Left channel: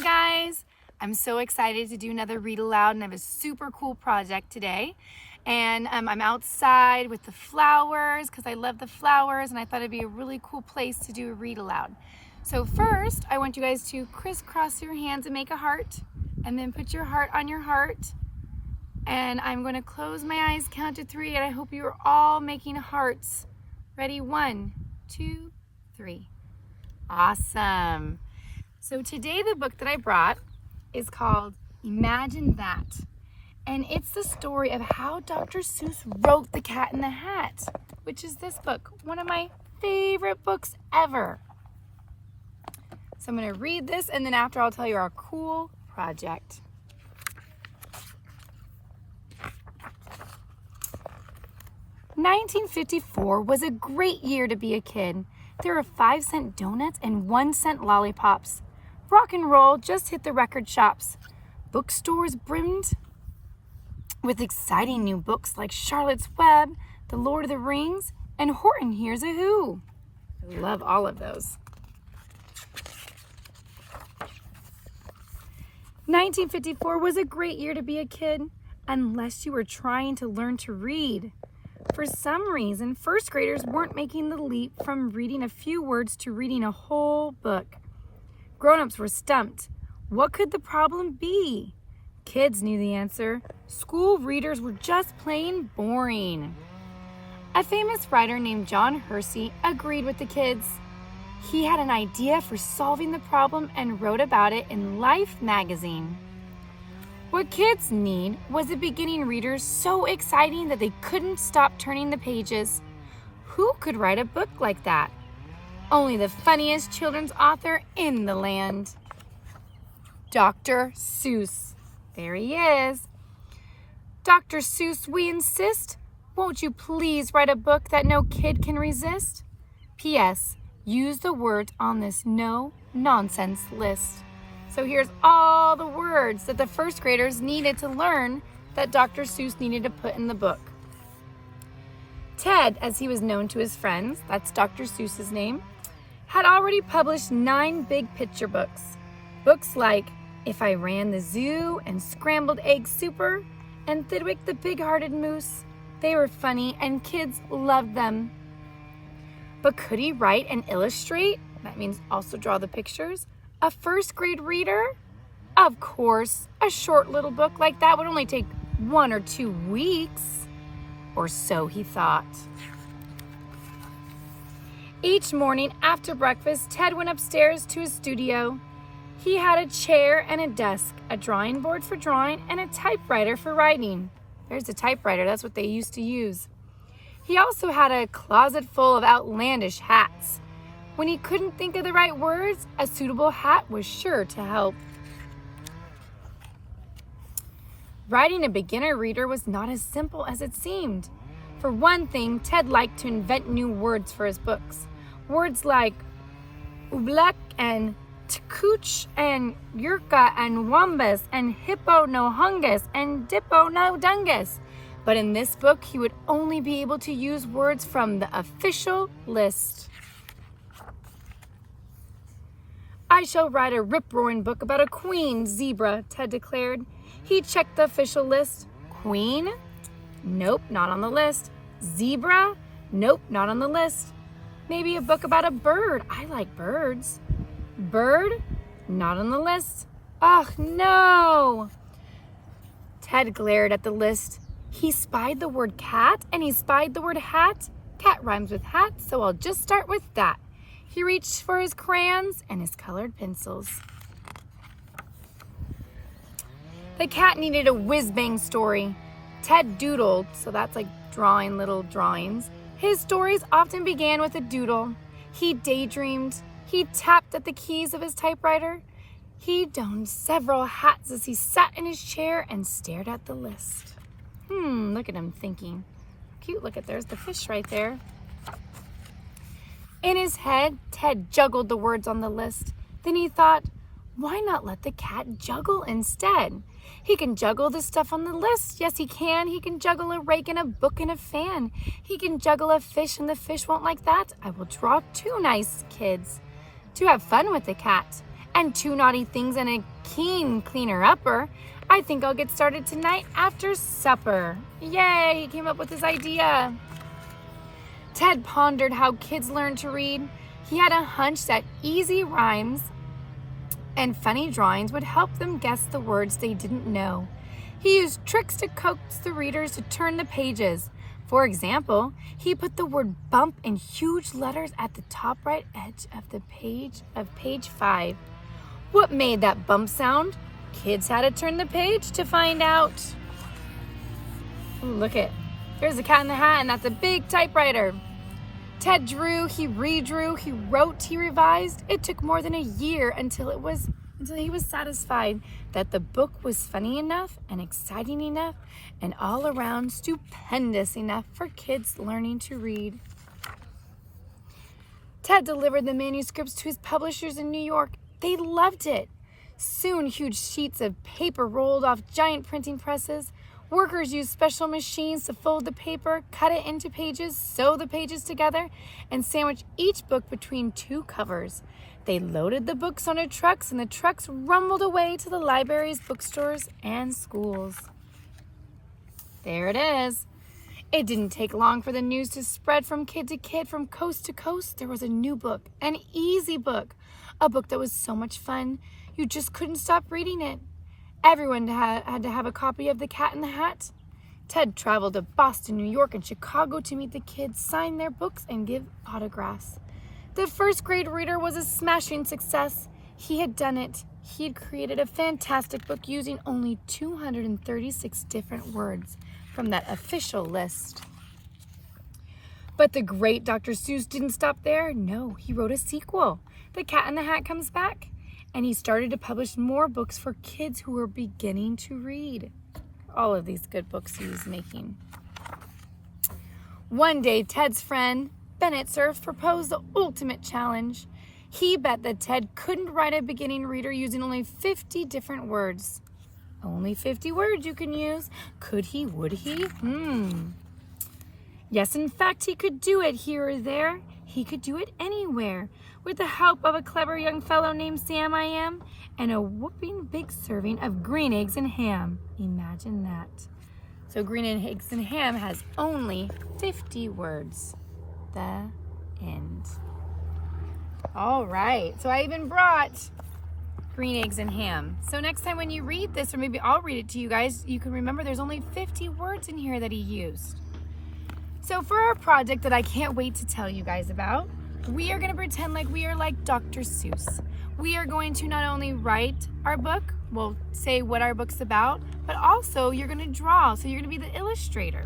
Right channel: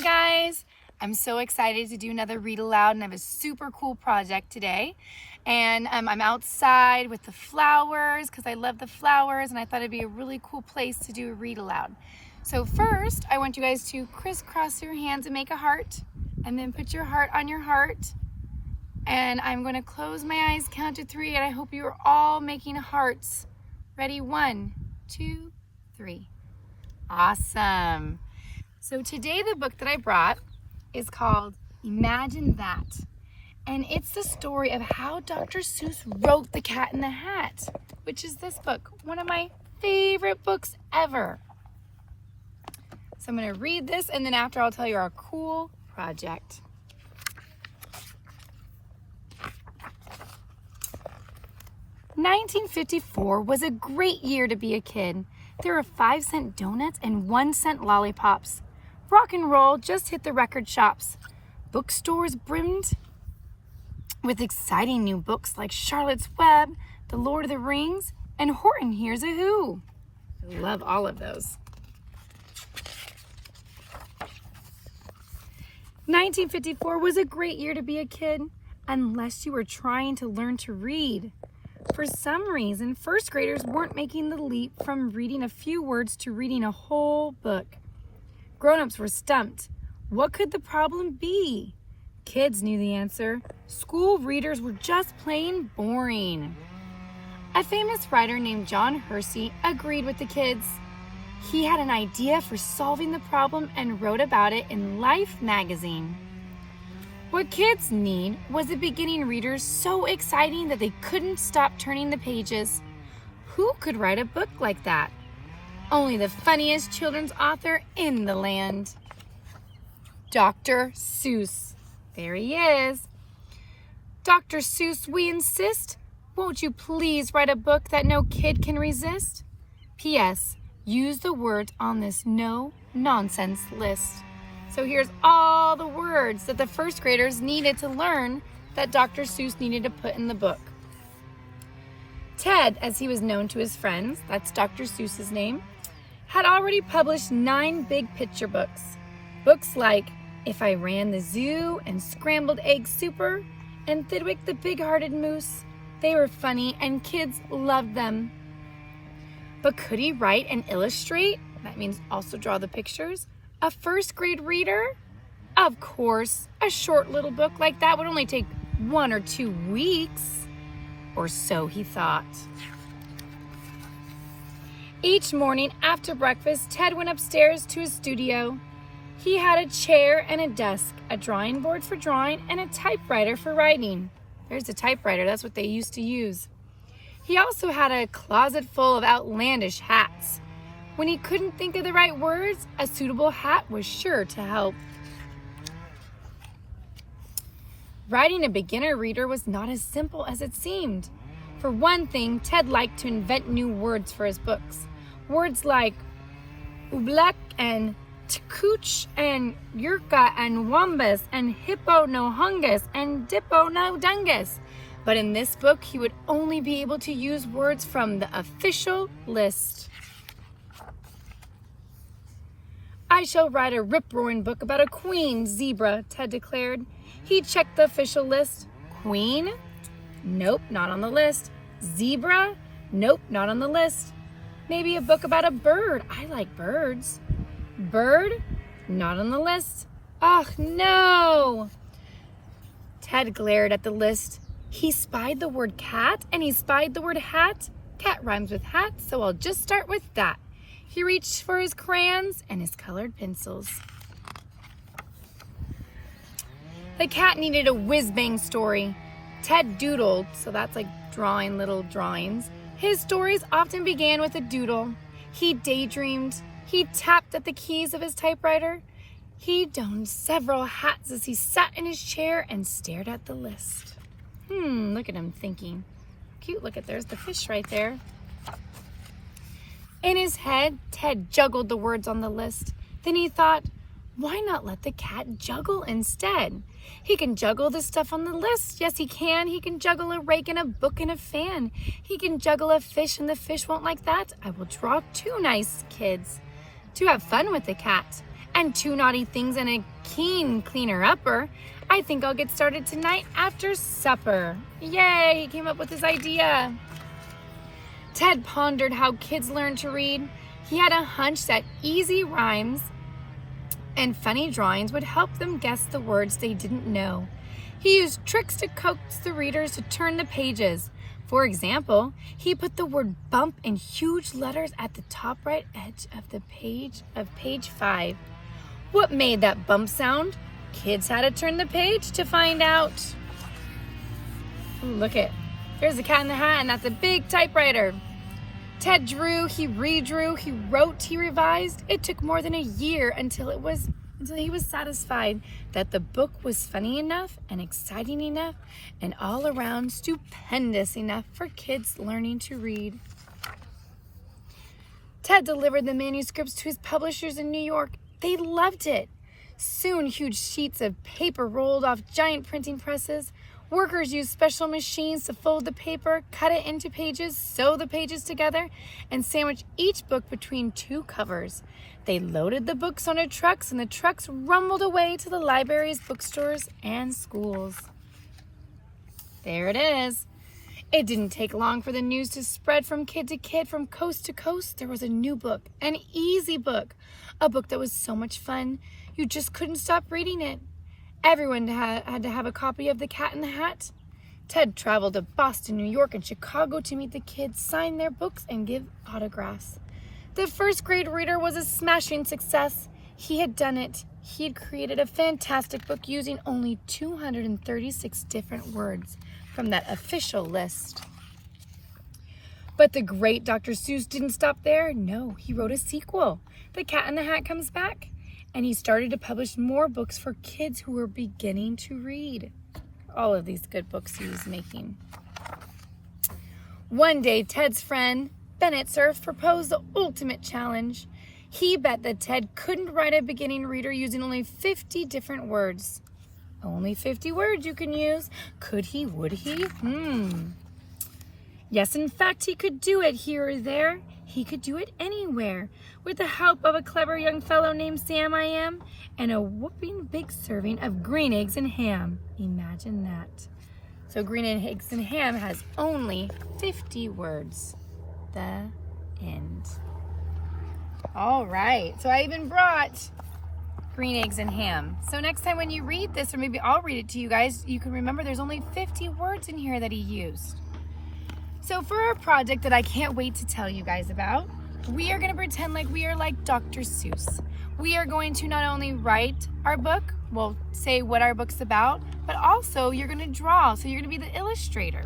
guys, I'm so excited to do another read aloud, and I have a super cool project today. And I'm outside with the flowers because I love the flowers, and I thought it'd be a really cool place to do a read aloud. So first, I want you guys to crisscross your hands and make a heart, and then put your heart on your heart. And I'm going to close my eyes, count to 3, and I hope you are all making hearts. Ready? 1, 2, 3. Awesome. So today the book that I brought is called Imagine That. And it's the story of how Dr. Seuss wrote The Cat in the Hat, which is this book, one of my favorite books ever. So I'm going to read this, and then after I'll tell you our cool project. "1954 was a great year to be a kid. There were 5-cent donuts and 1-cent lollipops. Rock and roll just hit the record shops. Bookstores brimmed with exciting new books like Charlotte's Web, The Lord of the Rings, and Horton Hears a Who. I love all of those. 1954 was a great year to be a kid, unless you were trying to learn to read. For some reason, first graders weren't making the leap from reading a few words to reading a whole book. Grown-ups were stumped. What could the problem be? Kids knew the answer. School readers were just plain boring. A famous writer named John Hersey agreed with the kids. He had an idea for solving the problem and wrote about it in Life magazine. What kids need was a beginning reader so exciting that they couldn't stop turning the pages. Who could write a book like that? Only the funniest children's author in the land. Dr. Seuss. There he is. Dr. Seuss, we insist. Won't you please write a book that no kid can resist? P.S. Use the words on this no-nonsense list. So here's all the words that the first graders needed to learn that Dr. Seuss needed to put in the book. Ted, as he was known to his friends, that's Dr. Seuss's name, had already published 9 big picture books. Books like If I Ran the Zoo and Scrambled Egg Super and Thidwick the Big-Hearted Moose. They were funny and kids loved them. But could he write and illustrate? That means also draw the pictures. A first grade reader? Of course, a short little book like that would only take 1 or 2 weeks. Or so he thought. Each morning after breakfast, Ted went upstairs to his studio. He had a chair and a desk, a drawing board for drawing, and a typewriter for writing. There's a typewriter, that's what they used to use. He also had a closet full of outlandish hats. When he couldn't think of the right words, a suitable hat was sure to help. Writing a beginner reader was not as simple as it seemed. For one thing, Ted liked to invent new words for his books. Words like oobleck and tkooch and yurka and wombus and hippo no hungus and dippo no dungus. But in this book, he would only be able to use words from the official list. I shall write a rip-roaring book about a queen zebra, Ted declared. He checked the official list. Queen? Nope, not on the list. Zebra? Nope, not on the list. Maybe a book about a bird. I like birds. Bird? Not on the list. Oh, no! Ted glared at the list. He spied the word cat and he spied the word hat. Cat rhymes with hat, so I'll just start with that. He reached for his crayons and his colored pencils. The cat needed a whiz-bang story. Ted doodled, so that's like drawing little drawings. His stories often began with a doodle. He daydreamed. He tapped at the keys of his typewriter. He donned several hats as he sat in his chair and stared at the list. Look at him thinking. Cute, look at, there's the fish right there. In his head, Ted juggled the words on the list. Then he thought, why not let the cat juggle instead? He can juggle the stuff on the list. Yes, he can. He can juggle a rake and a book and a fan. He can juggle a fish and the fish won't like that. I will draw 2 nice kids to have fun with the cat. and 2 naughty things and a keen cleaner-upper. I think I'll get started tonight after supper. Yay, he came up with his idea. Ted pondered how kids learn to read. He had a hunch that easy rhymes and funny drawings would help them guess the words they didn't know. He used tricks to coax the readers to turn the pages. For example, he put the word bump in huge letters at the top right edge of the page of page 5. What made that bump sound? Kids had to turn the page to find out. Ooh, look it. There's a cat in the hat, and that's a big typewriter. Ted drew, he redrew, he wrote, he revised. It took more than a year until he was satisfied that the book was funny enough and exciting enough and all around stupendous enough for kids learning to read. Ted delivered the manuscripts to his publishers in New York. They loved it. Soon, huge sheets of paper rolled off giant printing presses. Workers used special machines to fold the paper, cut it into pages, sew the pages together, and sandwich each book between 2 covers. They loaded the books onto trucks, and the trucks rumbled away to the libraries, bookstores, and schools. There it is. It didn't take long for the news to spread from kid to kid, from coast to coast. There was a new book, an easy book, a book that was so much fun, you just couldn't stop reading it. Everyone had to have a copy of The Cat in the Hat. Ted traveled to Boston, New York, and Chicago to meet the kids, sign their books, and give autographs. The first grade reader was a smashing success. He had done it. He had created a fantastic book using only 236 different words from that official list. But the great Dr. Seuss didn't stop there. No, he wrote a sequel. The Cat in the Hat Comes Back. And he started to publish more books for kids who were beginning to read. All of these good books he was making. One day, Ted's friend, Bennett Cerf, proposed the ultimate challenge. He bet that Ted couldn't write a beginning reader using only 50 different words. Only 50 words you can use. Could he? Would he? Yes, in fact, he could do it here or there. He could do it anywhere. With the help of a clever young fellow named Sam I Am and a whooping big serving of green eggs and ham. Imagine that. So green eggs and ham has only 50 words. The end. All right. So I even brought green eggs and ham. So next time when you read this, or maybe I'll read it to you guys, you can remember there's only 50 words in here that he used. So for our project that I can't wait to tell you guys about, we are going to pretend like we are like Dr. Seuss. We are going to not only write our book, we'll say what our book's about, but also you're going to draw. So you're going to be the illustrator.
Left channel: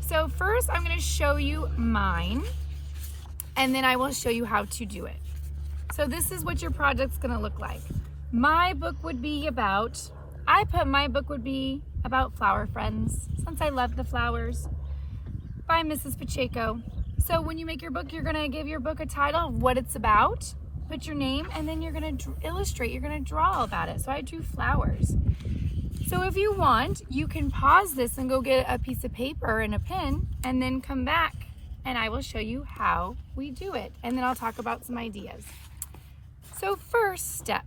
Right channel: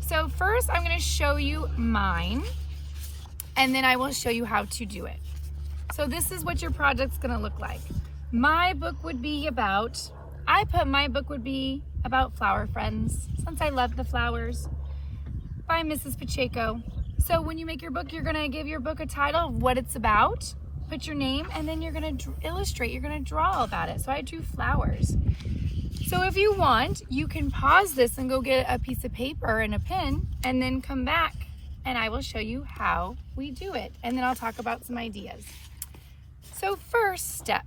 So first I'm going to show you mine, and then I will show you how to do it. So this is what your project's going to look like. My book would be about, my book would be about flower friends, since I love the flowers, by Mrs. Pacheco. So when you make your book, you're going to give your book a title of what it's about, put your name, and then you're going to illustrate, you're going to draw about it. So I drew flowers. So if you want, you can pause this and go get a piece of paper and a pen, and then come back and I will show you how we do it. And then I'll talk about some ideas. So first step,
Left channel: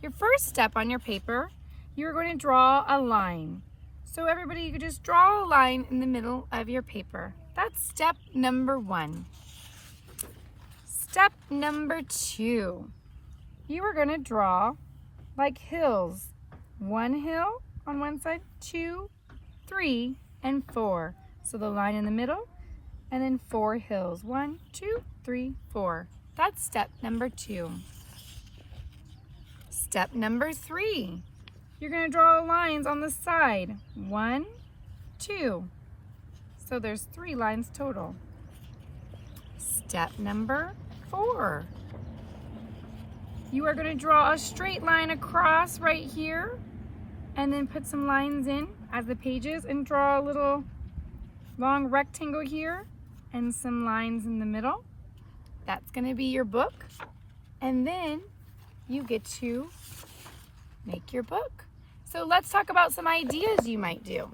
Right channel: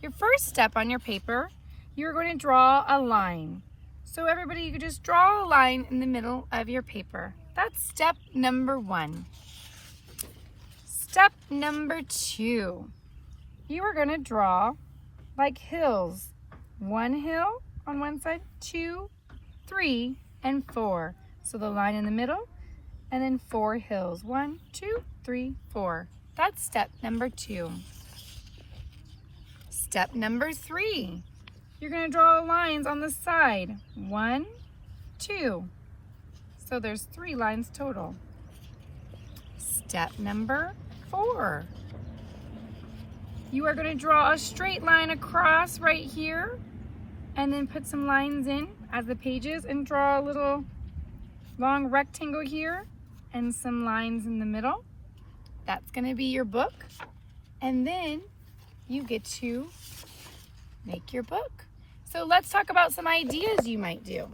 your first step on your paper, you're going to draw a line. So everybody, you could just draw a line in the middle of your paper. That's step number 1. Step number 2, you are going to draw like hills. 1 hill on one side, 2, 3, and 4. So the line in the middle, and then 4 hills. 1, 2, 3, 4. That's step number 2. Step number 3, you're going to draw lines on the side. 1, 2. So there's 3 lines total. Step number 4. You are going to draw a straight line across right here, and then put some lines in as the pages, and draw a little long rectangle here and some lines in the middle. That's going to be your book. And then you get to make your book. So let's talk about some ideas you might do.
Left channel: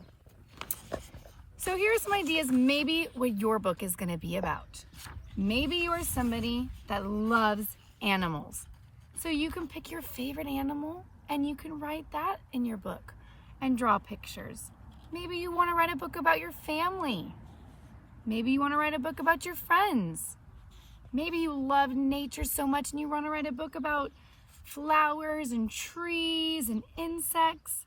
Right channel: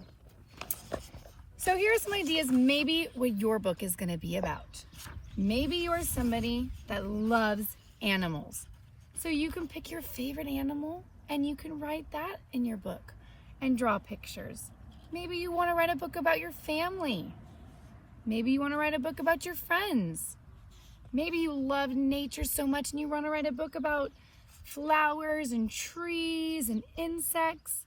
So here are some ideas, maybe what your book is going to be about. Maybe you are somebody that loves animals. So you can pick your favorite animal and you can write that in your book and draw pictures. Maybe you want to write a book about your family. Maybe you want to write a book about your friends. Maybe you love nature so much and you want to write a book about flowers and trees and insects.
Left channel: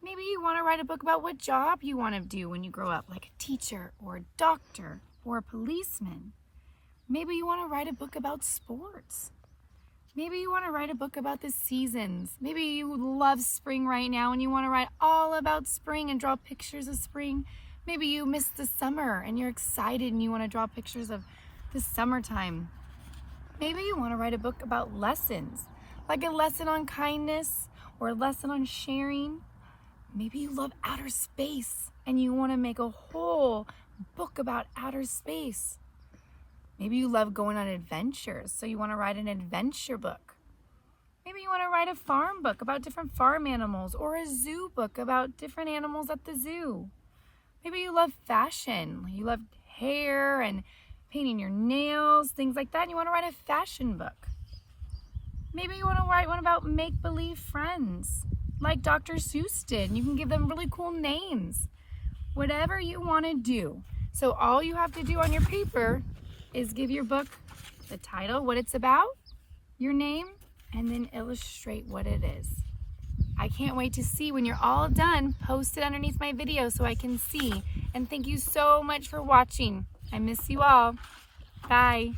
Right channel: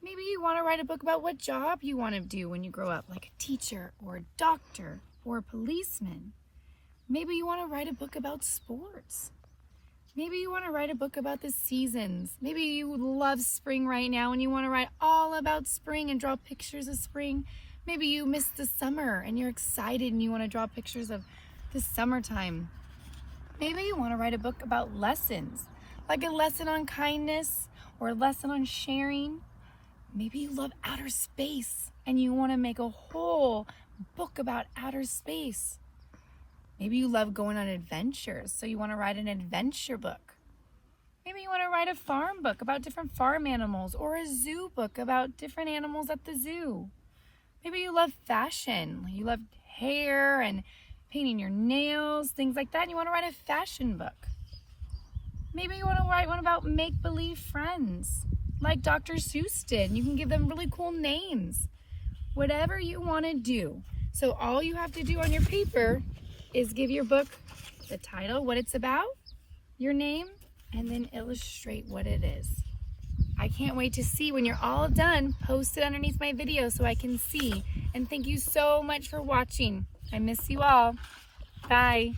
Maybe you want to write a book about what job you want to do when you grow up, like a teacher or a doctor or a policeman. Maybe you want to write a book about sports. Maybe you want to write a book about the seasons. Maybe you love spring right now and you want to write all about spring and draw pictures of spring. Maybe you miss the summer and you're excited and you want to draw pictures of the summertime. Maybe you want to write a book about lessons, like a lesson on kindness or a lesson on sharing. Maybe you love outer space and you want to make a whole book about outer space. Maybe you love going on adventures, so you want to write an adventure book. Maybe you want to write a farm book about different farm animals or a zoo book about different animals at the zoo. Maybe you love fashion. You love hair and painting your nails, things like that, and you want to write a fashion book. Maybe you want to write one about make-believe friends, like Dr. Seuss did. You can give them really cool names. Whatever you want to do. So all you have to do on your paper is give your book the title, what it's about, your name, and then illustrate what it is. I can't wait to see when you're all done. Post it underneath my video so I can see. And thank you so much for watching. I miss you all. Bye.